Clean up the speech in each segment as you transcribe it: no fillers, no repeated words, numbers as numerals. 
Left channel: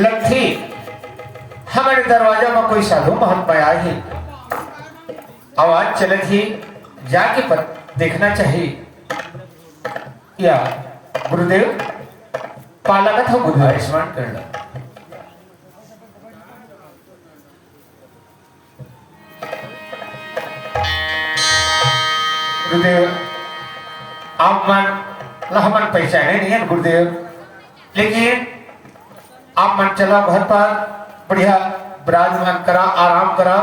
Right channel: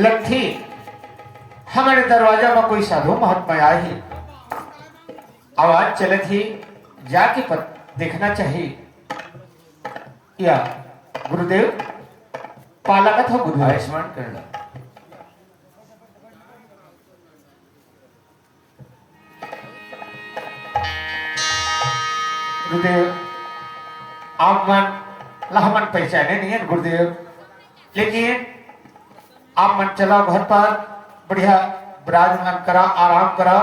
लट्ठी हमारे दरवाजा में कोई साधु महात्मा आए, आवाज चले थी जाके पर देखना चाहिए। या गुरुदेव पाला का था गुरुदेव आयुष्मान करना। गुरुदेव आप मन लहमन पहचाने नहीं है गुरुदेव, लेकिन आप मन चला घर पर बढ़िया विराजमान करा, आराम करा।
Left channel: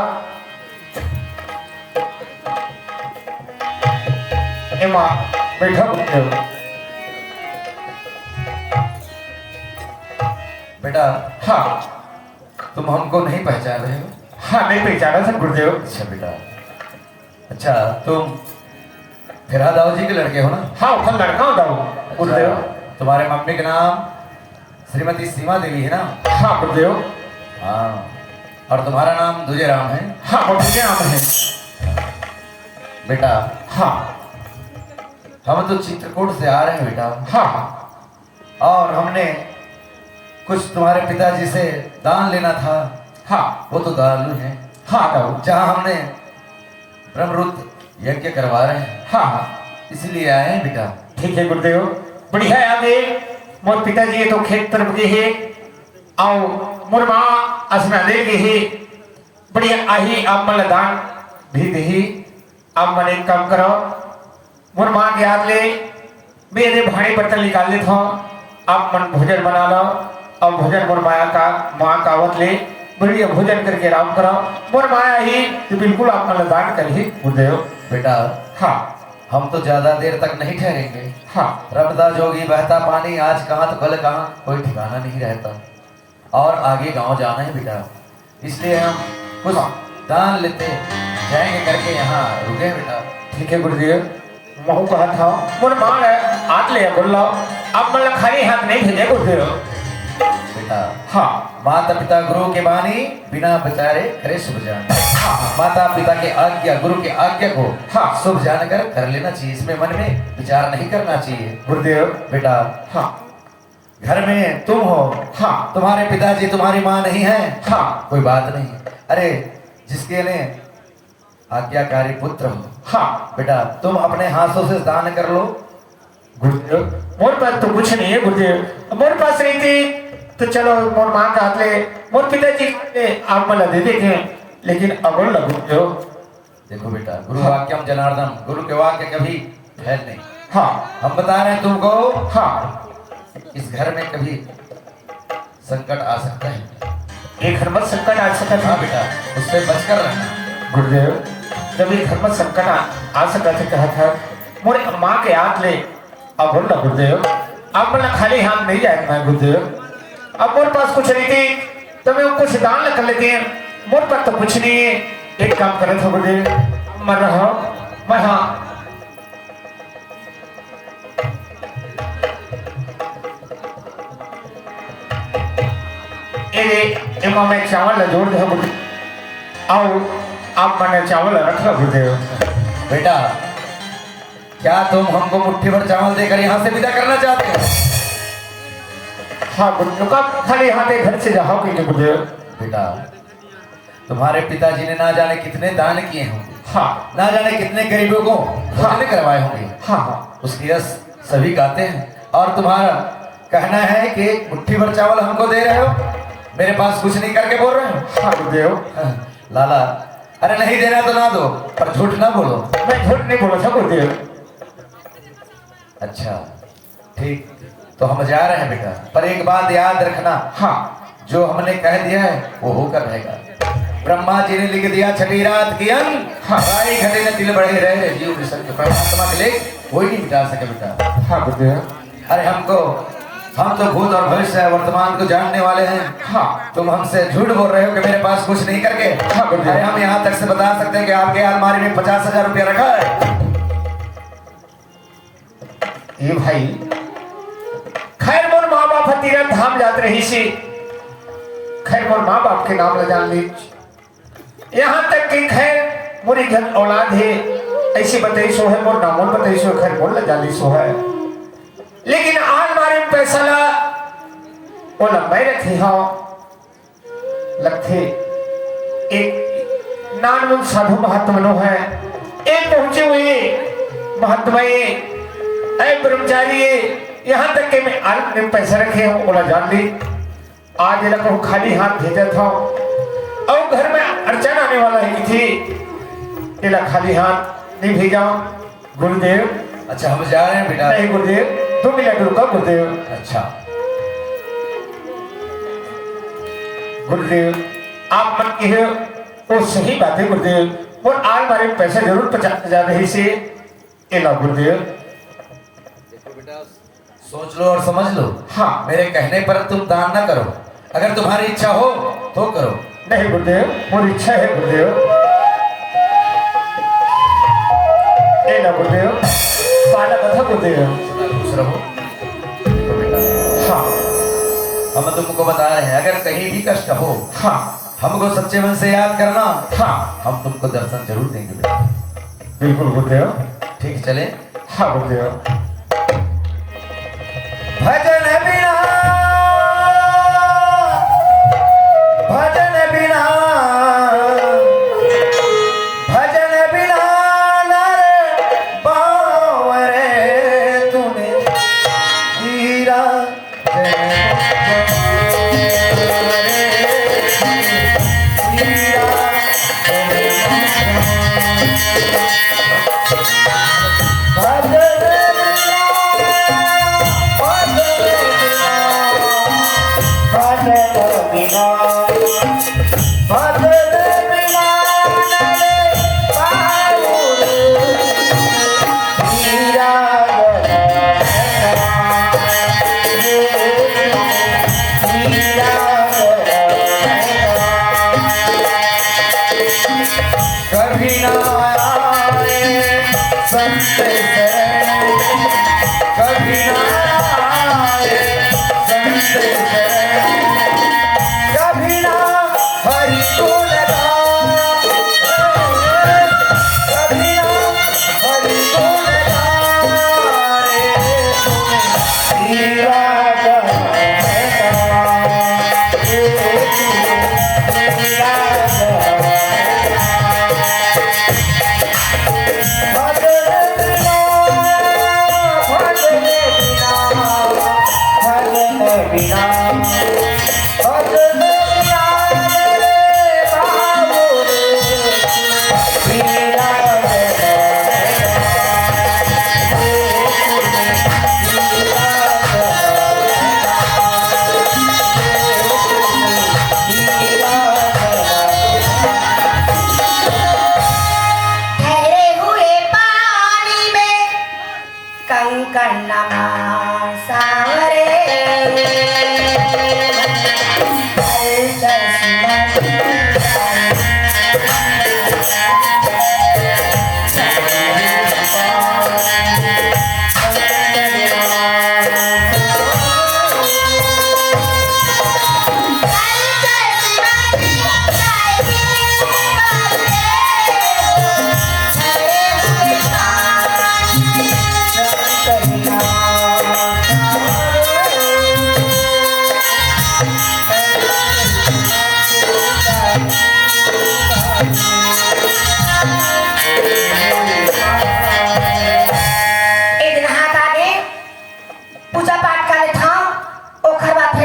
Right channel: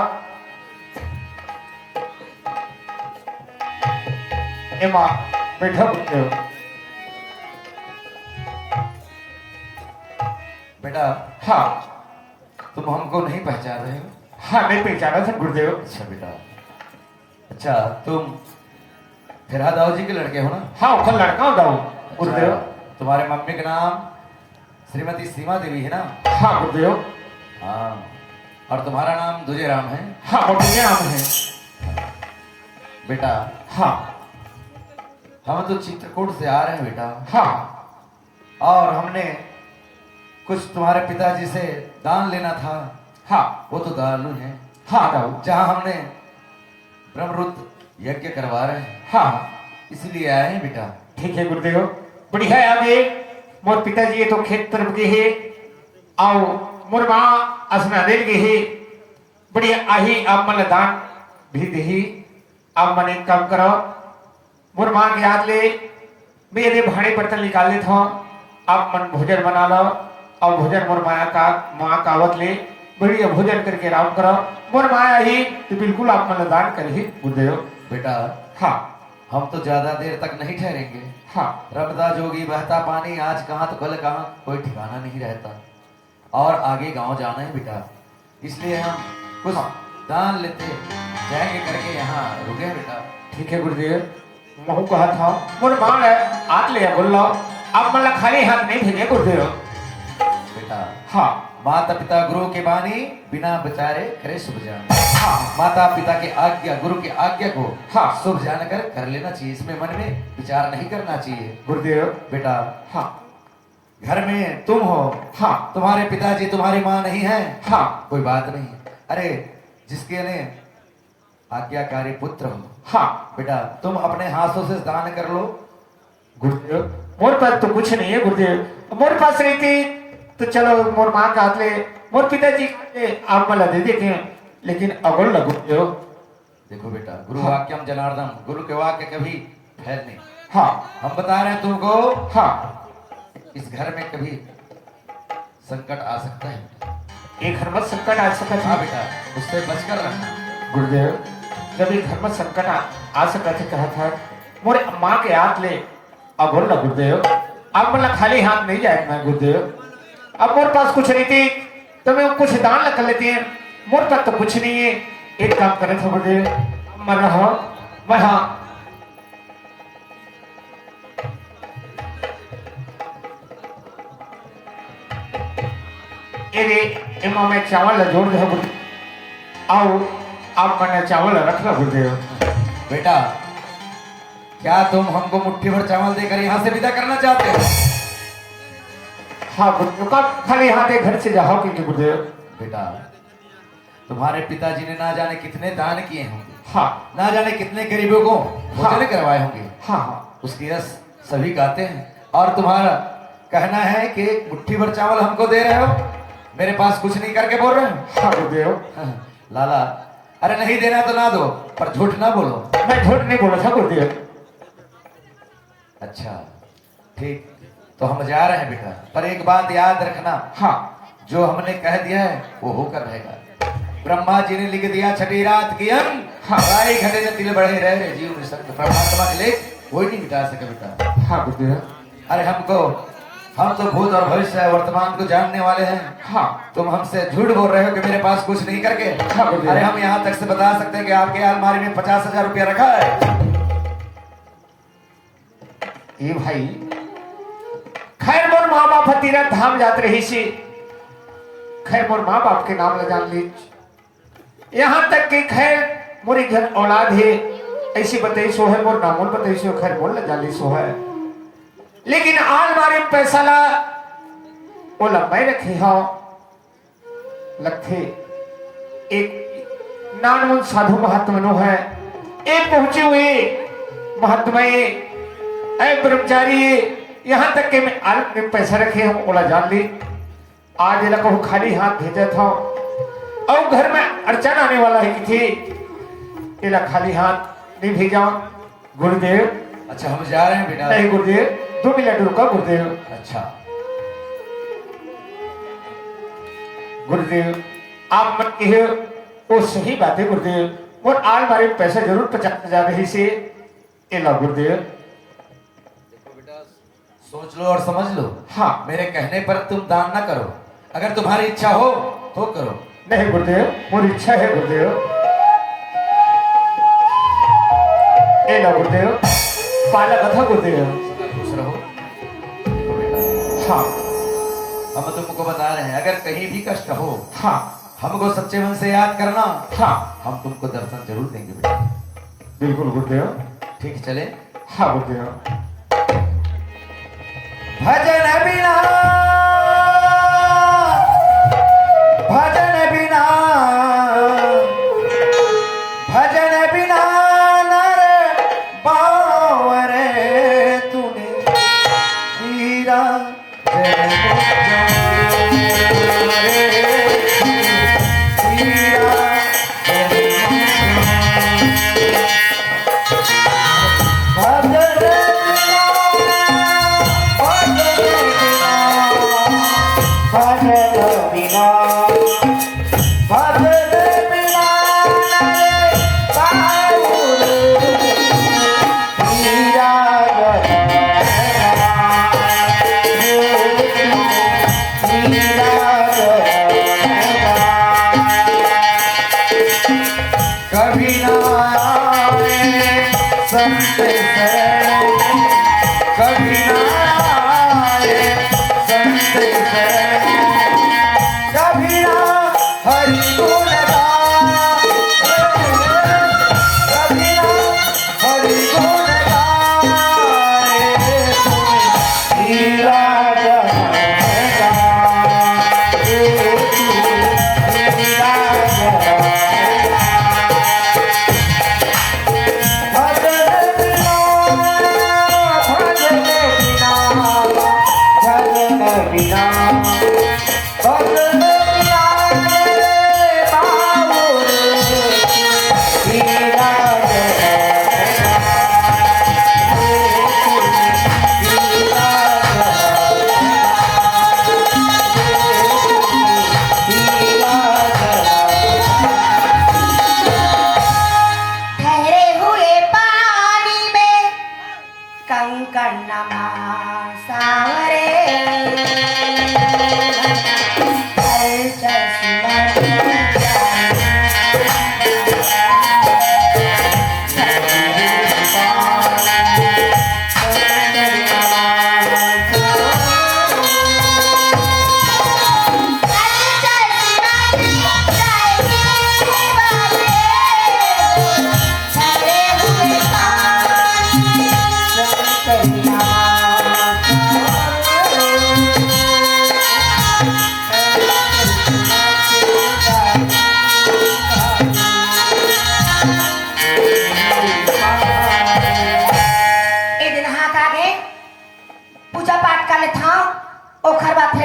एमा बैठो गुरुदेव। बेटा हाँ तुम हमको नहीं पहचान रहे हो? हाँ नहीं पहचाना था गुरुदेव। अच्छा बेटा, अच्छा तुम फिरा दाऊ जी के लड़के हो ना? हाँ वो लड़का होता हूँ गुरुदेव। अच्छा, तुम्हारे मम्मी का नाम श्रीमती सीमा देवी है ना? हाँ गुरुदेव। हाँ, और तुम्हारा नाम दूजे राम है? हाँ मुझे नाम है बेटा हाँ। हम तो चित्रकूट से आ रहे हैं बेटा। हाँ और हमने कुछ तुम्हारे पिताजी से दान लेना था। हाँ वो तो दारू है। हाँ दारू। जहाँ हमने ब्रह्मरुद्र यज्ञ करवा रहे हैं। हाँ इसलिए आए हैं बेटा। ठीक है गुरुदेव, बढ़िया है। आगे मोर पिताजी तो खेत तरफ गए है आओ मोर माँ असना दे गए है। बढ़िया आही आप मन दान भी दही। आप मन एक काम करो, मोर माँ के हाथ ले मेरे भाड़े बर्तन निकाल लेता हूँ। आप मन भोजन बना लो और भोजन मोर माया का माँ का आवत ले बढ़िया भोजन करके आराम करो। मोर माया ही तो बिल्कुल आप मन दान कर ही गुरुदेव। बेटा हाँ हम तो ज्यादा देर तक नहीं ठहरेंगे। हाँ रमदा जोगी बहता पानी, आज कहाँ तो कल कहाँ, कोई ठिकाना नहीं रहता। और आगे गांव जाना है बेटा, इसलिए हम कुछ दान लेते जाएंगे करके यहाँ रुके हैं बेटा। ठीक है गुरुदेव। महू कहा था मोर मांग हाथ ले बोल लो, आप मतलब खाली हाथ नहीं भेजे गुरुदेव। बेटा हाँ माता पिता गुरु के बानी, बिना विचारे करे शुभ जान। माता पिता के आज्ञा, गुरु की आज्ञा को हाँ शुभ जानकर कर लेना चाहिए। इसमें मन में विचार नहीं करना चाहिए गुरुदेव। बेटा। हाँ घर में तुम हो, हाँ तुम्हारे पिताजी तुम्हारी माँ नहीं है, हाँ कोई बात नहीं। अरे जिसके ने आज्ञाकारी पुत्र हो। हाँ बेटा तुम अपने हाथों से दान कर लो। गुरुदेव मोर पास तो कुछ नहीं है गुरुदेव। मोर पास रहती तो चलो मोर माँ का हाथ ले, मोर पिताजी आप मला दे देते हैं, लेकिन अगल लगो गुरुदेव। देखो बेटा, गुरु वाक्यम जनार्दन, गुरु के वाक्य कभी फैल नहीं। हाँ हम बता रहे हैं तुमको, हाँ इस घर में कभी संकट आ सकता है। एक घर में संकट आ सकता हाँ था बेटा, उससे बचकर रहना। गुरुदेव। जब एक घर में संकट आ सकता था, कहा था मोर माँ के हाथ ले। अब बोल ना गुरुदेव, अब बोला खाली हाथ नहीं जाएगा मैं गुरुदेव। अब मोर पास कुछ नहीं थी तो मैं कुछ दान कर लेते हैं, मोर पास तो कुछ नहीं है। एक काम करे था गुरुदेव, मैं रहा मैं हाँ एमा मैं चावल जोड़ दो गुरुदेव। आओ आप मैंने चावल रख लो गुरुदेव। बेटा क्या तुम हमको मुट्ठी भर चावल देकर यहाँ से विदा करना चाहते हो? हाँ गुरुदेव का खाली हाथे घर से जाओ कि गुरुदेव। बेटा तुम्हारे पिताजी ने ना जाने कितने दान किए होंगे। हाँ ना जाने कितने गरीबों को भोजन करवाए होंगे। हाँ हाँ उसकी यश सभी गाते हैं, और तुम्हारा कहना है कि मुट्ठी भर चावल हमको दे रहे हो, मेरे पास कुछ नहीं करके बोल रहे हो। हाँ गुरुदेव। लाला अरे नहीं देना तो ना दो, पर झूठ ना बोलो। मैं झूठ नहीं बोला था गुरुदेव। अच्छा ठीक, तो हम जा रहे हैं बेटा, पर एक बात याद रखना। हाँ जो हमने कह दिया है वो होकर रहेगा। ब्रह्मा जी ने लिख दिया छठी रात की अंग, हमारे घटे न तिल बढ़े रहे जीव मिशन के परमात्मा के लिए कोई नहीं मिटा सके बेटा। हाँ गुरुदेव। अरे हम तो भूत और भविष्य वर्तमान को जानने वाले हैं। हाँ तुम हमसे झूठ बोल रहे हो कि मेरे पास कुछ नहीं करके। हाँ गुरुदेव। अरे हम यहाँ तक से बता सकते हैं कि आपके अलमारी में 50,000 रुपया रखा है। ये भाई खैर मोर माँ बाप तीरथ धाम जात रही सी, खैर मोर माँ बाप के नाम ल जान ली। यहाँ तक कि खैर मोरी घर औलाद है ऐसी बताई सो है, मोर नामों बताई सो, खैर मोर ल जान ली सो है। लेकिन आज मारे पैसा ला वो लंबाई रखी हाँ लगथे एक नानमुन साधु महात्मा है एक पहुंचे हुए महात्मा ऐ ब्रह्मचारी यहाँ तक के मैं आलम ने पैसा रखे हम बोला जान ली आज ये को खाली हाथ भेजा था और घर में अर्चन आने वाला है कि थी ये खाली हाथ नहीं भेजा गुरुदेव। अच्छा हम जा रहे हैं बेटा। नहीं गुरुदेव 2 मिनट रुका गुरुदेव। अच्छा गुरुदेव आप मन की है वो सही बात है गुरुदेव और आज हमारे पैसे जरूर 50,000 रही से एला गुरुदेव। देखो बेटा सोच लो और समझ लो। हाँ मेरे कहने पर तुम दान न करो, अगर तुम्हारी इच्छा हो तो करो। नहीं गुरुदेव मोरी इच्छा है गुरुदेव। एला गुरुदेव पाला कथा गुरुदेव। खुश रहो। देखो बेटा हाँ हम तुमको बता रहे हैं अगर कहीं भी कष्ट हो हाँ हमको सच्चे मन से याद करना, हाँ हम तुमको दर्शन जरूर देंगे बेटा। बिल्कुल गुरुदेव। ठीक चले। हाँ गुरुदेव। भजन बिना भजन बिना भजन बिना नर बावरे तूने हीरा कभी ना आए संत शरण, कभी ना आए संत शरण, कभी ना हरि को लगाया, कभी ना हरि को लगाए, हीरा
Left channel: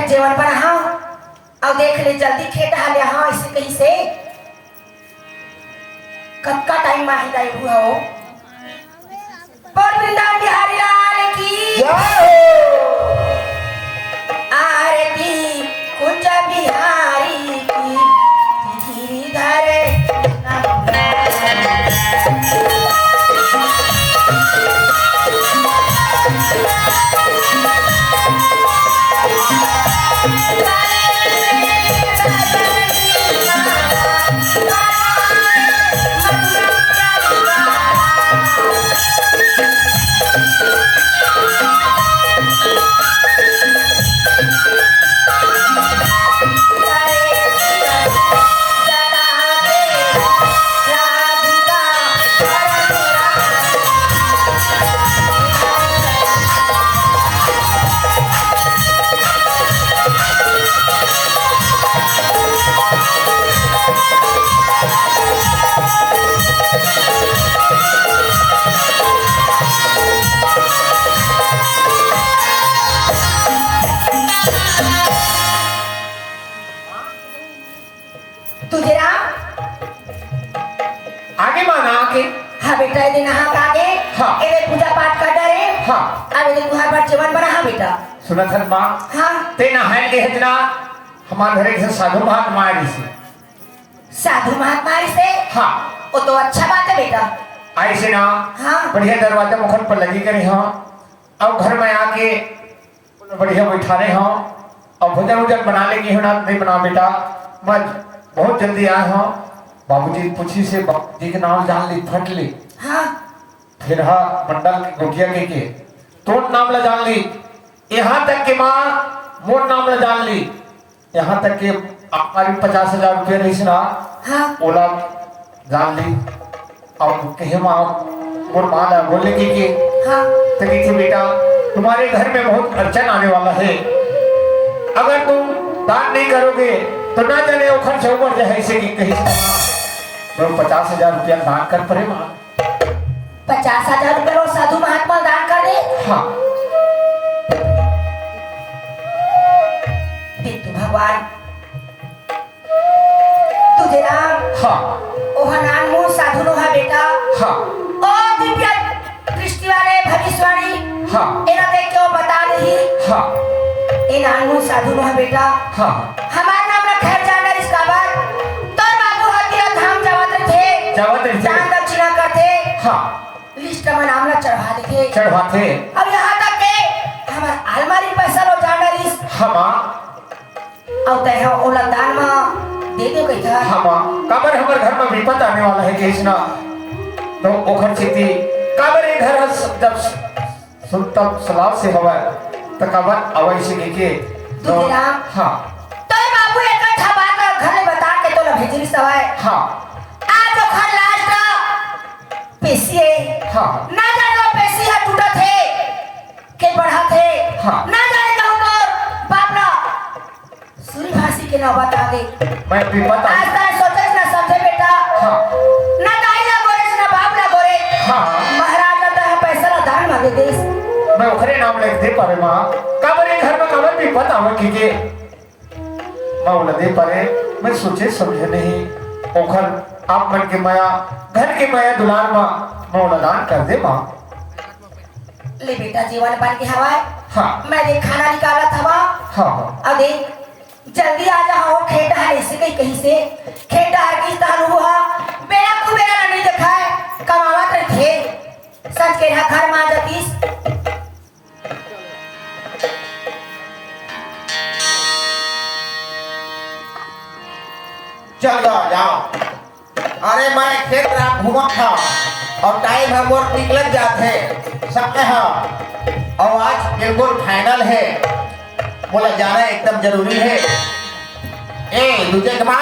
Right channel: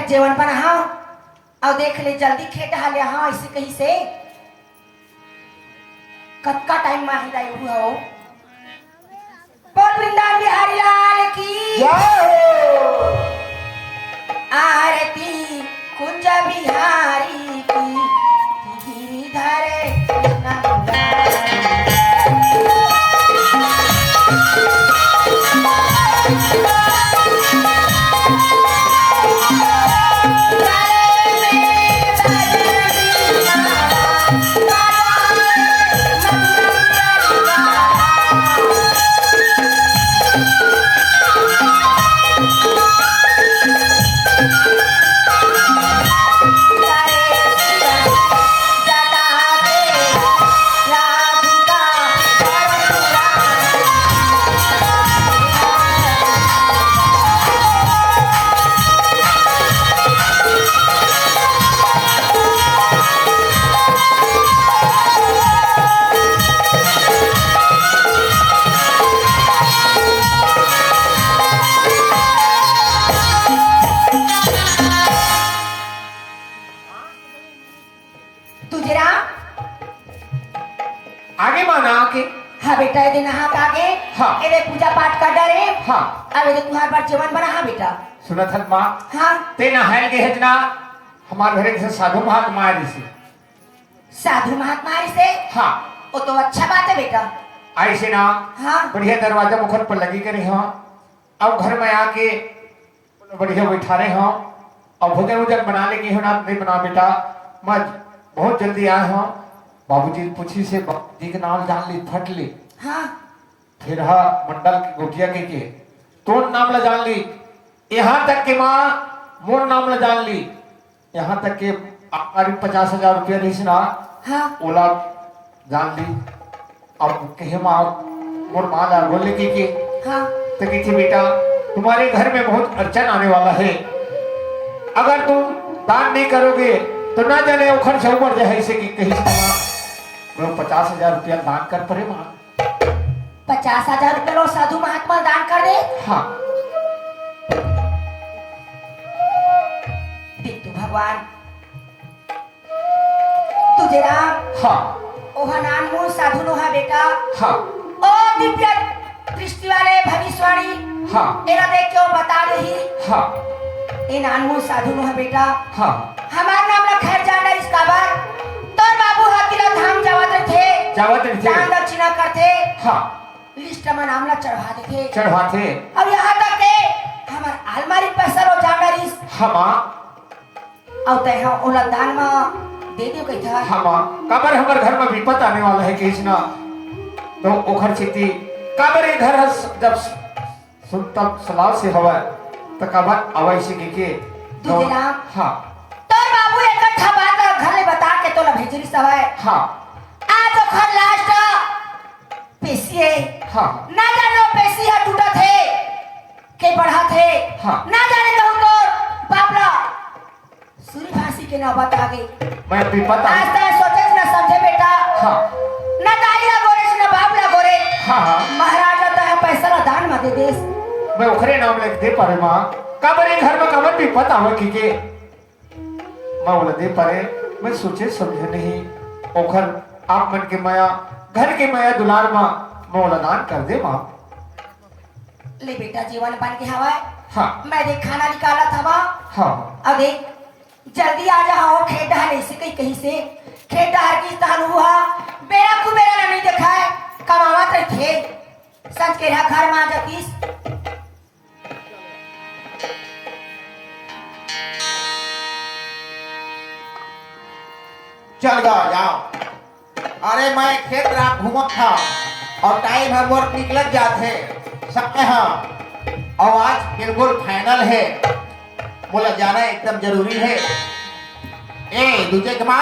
जीवन पर हाँ और देख ले जल्दी खेत हाले हाँ इसे कहीं से कब का टाइम में जाए हुआ हो पर वृंदावन बिहारी लाल की आरती कुंज बिहारी की गिरिधर जटा के आगे माना के हाँ बेटा ये नहा आगे हाँ। ये पूजा पाठ कर डरे हाँ अब ये तुहार पर जीवन बना हाँ बेटा सुना था माँ हाँ ते नहाए के हेजना हमारे घरे से साधु महात्मा आए से साधु महात्मा से हाँ वो तो अच्छा बात है बेटा आए से ना हाँ बढ़िया दरवाजा मुखर पर लगी करे हो अब घर में आके बढ़िया बैठा रहे हो और भोजन वोजन बना लेगी हो ना नहीं बना बेटा मैं बहुत जल्दी आए हो बाबूजी पूछी से बाबूजी के नाम जान ली फट ली हाँ फिर हा मंडल की गोटिया के तो नाम ला जान ली यहाँ तक कि माँ मोर नाम ला जान ली यहाँ तक कि हमारी 50,000 रुपये रही सुना हाँ ओला जान ली और कहे माँ मोर माँ ला बोलने की हाँ तो की थी बेटा तुम्हारे घर में बहुत अड़चन आने वाला है अगर तुम दान नहीं करोगे तो ना जाने उखड़ से ऊपर जाए ऐसे कि कहीं तो 50,000 रुपया दान कर पड़े माँ 50,000 रुपये लो साधु महात्मा दान कर दे हाँ देख तू भगवान तुझे राम हाँ ओह नाम मुँह साधु नो है बेटा हाँ ओ दिव्य दृष्टि वाले भविष्यवाणी हाँ एरा देख के वो बता रही हाँ ए नाम मुँह साधु नो है बेटा हाँ हमारा नाम ना खैर जाना इसका बात तो बाबू हकीरा धाम जावत थे जावत थे। दान दक्षिणा करते हाँ लिस्ट में नाम ला चढ़वा देते चढ़वाते अब यहाँ तक के हमार अलमारी पैसा लो जाना रिस हम और ते हो ओला दान में दे दे कही था हम काबर हमारे घर में विपत आने वाला है कृष्णा तो ओखर चिति काबर इधर जब सुनता सलाह से हवा तो काबर अवश्य के दूधे राम हाँ तो बाबू एक अच्छा बात ला घर में बता के तो ला भेजरी सवाए हाँ आज ओखर लास्ट पेशी है हाँ ना जाने पेशी है टूटा थे के बढ़ा थे हाँ। ना जाने कहूँ तो बापरा सूर्यभाषी के नौबत आ गई मैं विपत आज तक सोचे ना समझे बेटा हाँ ना दाई ला गोरे ना बाप ला गोरे हाँ हाँ महाराज ला तो है पैसा ला दान में दे देस मैं ओखरे नाम लिख दे पारे माँ काबर घर में काबर विपत आवे की मैं बोला दे पारे मैं सोचे समझे नहीं ओखर आप मन के माया घर के माया दुलार माँ मैं बोला दान कर दे माँ ले बेटा जीवन बन के हवाए हाँ मैं देख खाना निकाला था वहाँ हाँ हाँ अब देख जल्दी आ जाओ खेत डहार ऐसे कहीं से खेत डहार की स्थान हुआ बेड़ा कुबेरा नहीं देखा है कमावा कर थे सच के ना घर में आ जातीस चल जाओ अरे मैं खेत रात घूमा था और टाइम है मोर निकल जाते सकते हैं और आज बिल्कुल फाइनल है बोला जाना एकदम जरूरी है ए दूजे कमा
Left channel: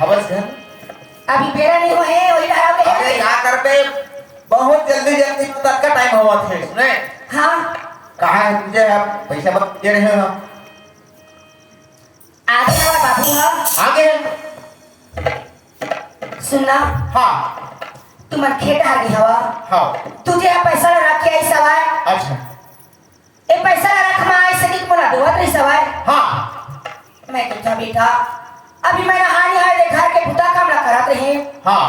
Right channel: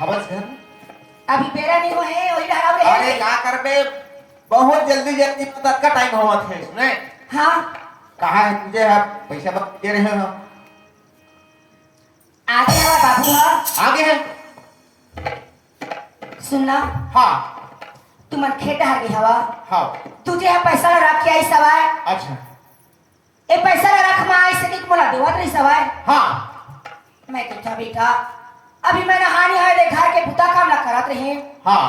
हवस घर अभी बेड़ा नहीं हुए हैं वही डहार अरे क्या करते बहुत जल्दी जल्दी तक का टाइम हुआ थे सुने हाँ कहा है तुझे अब पैसा मत दे रहे हो आगे वाला बाबू है आगे है सुनना हाँ तुम खेत डहार की हवा हाँ तुझे यहाँ पैसा ला रख के आई सवार अच्छा ए पैसा ला रख में आई सके बोला देवत रही सवार हाँ मैं कहता बेटा अभी मैं नहानी है दे घर के बुता काम ना करत रहे हाँ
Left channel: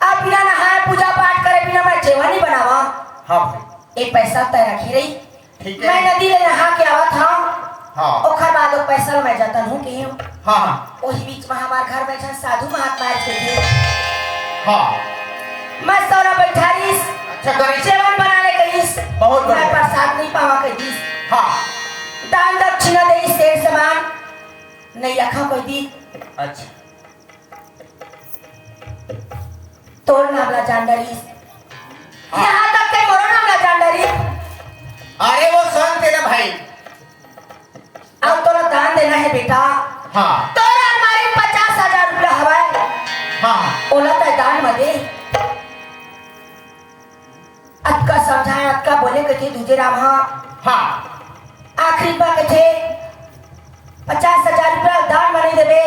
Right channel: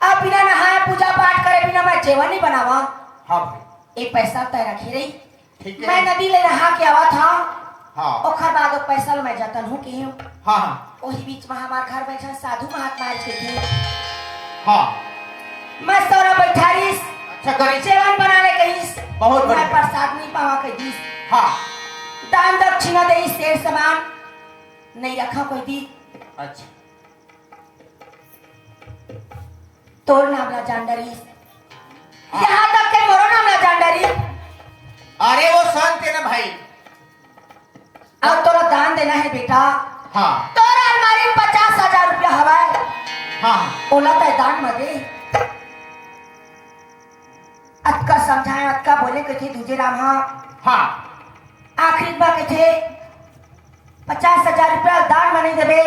अब बिना नहाए पूजा पाठ करे बिना मैं जेवन नहीं बनावा हाँ एक पैसा तय रखी रही ठीक है। मैं नदी ले नहा के आवा था हाँ ओखर बाद वो पैसा मैं जतन हूँ की हाँ हाँ वही बीच में हमारे घर में एक साधु महात्मा आए थे हाँ मैं सौरा बैठा रहीस अच्छा करी जेवन बनाने कहीस बहुत मैं बढ़िया। प्रसाद नहीं पावा कहीस हाँ दान दक्षिणा दे शेर समान नहीं रखा कोई दी अच्छा तोड़ नामला जान डरीस यहाँ तक के मोरो नामला जान डरी अरे वो स्वयं तेरा भाई अब तोरा दान देना है बेटा हाँ तोरा अलमारी 50,000 रुपया हवाए हाँ ओला तो दान में दे अतका समझाए अतका बोले के थे दूजे राम हाँ हाँ आखिरी बात के थे 50,000 रुपया दान में नहीं देवे